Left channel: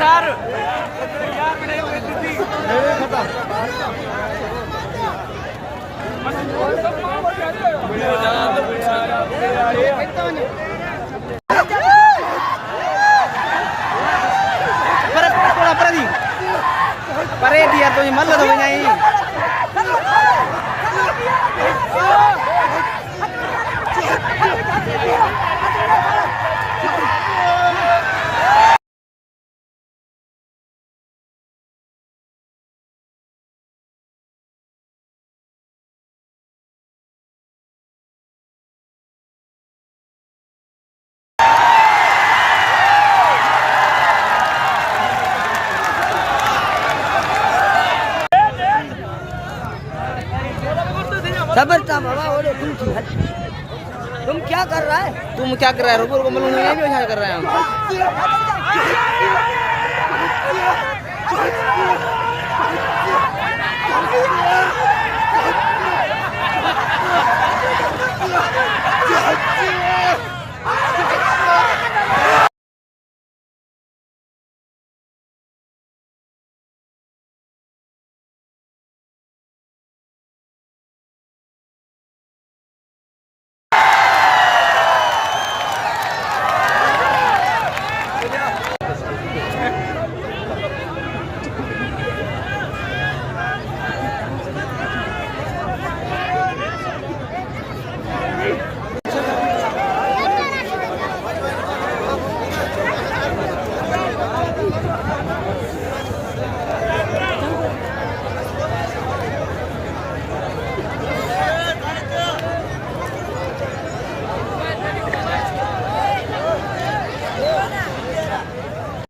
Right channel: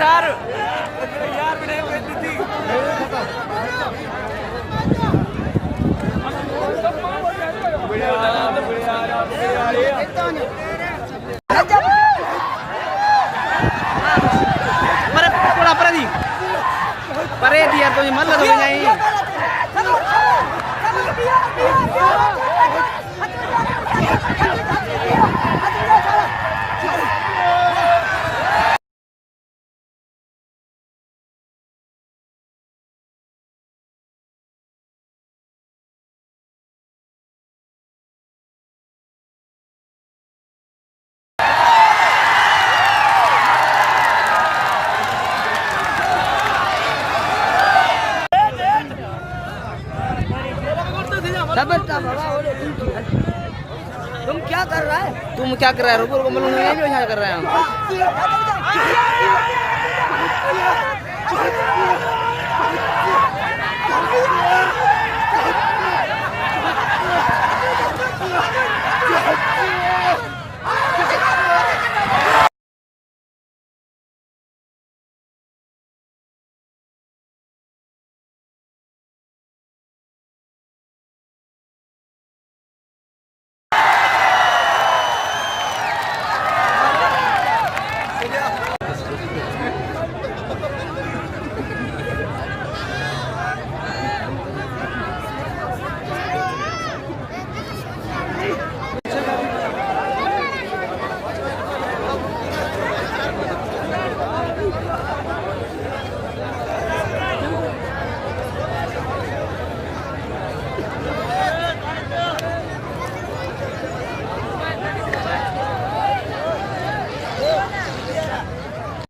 चार परे दिया तो ये मल्ल हो जाए तुम क्या कर रहा है? तुम क्या कर रहा है? रुको रुको, मैं भी क्या कर रहा हूँ।